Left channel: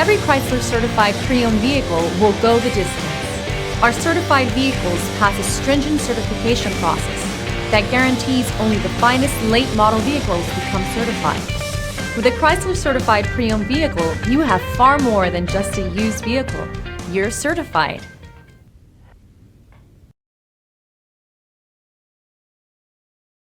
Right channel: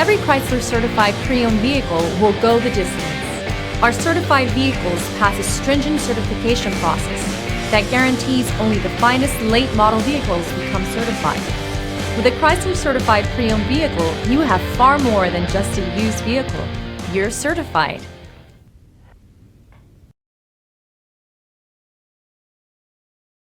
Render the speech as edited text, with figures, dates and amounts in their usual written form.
Every Chrysler certified pre-owned vehicle will go the distance. Our certified vehicles pass a stringent certification process that guarantees only the finest late model vehicles become certified. With a Chrysler certified pre-owned vehicle, you have far more than just a used vehicle. You're certified.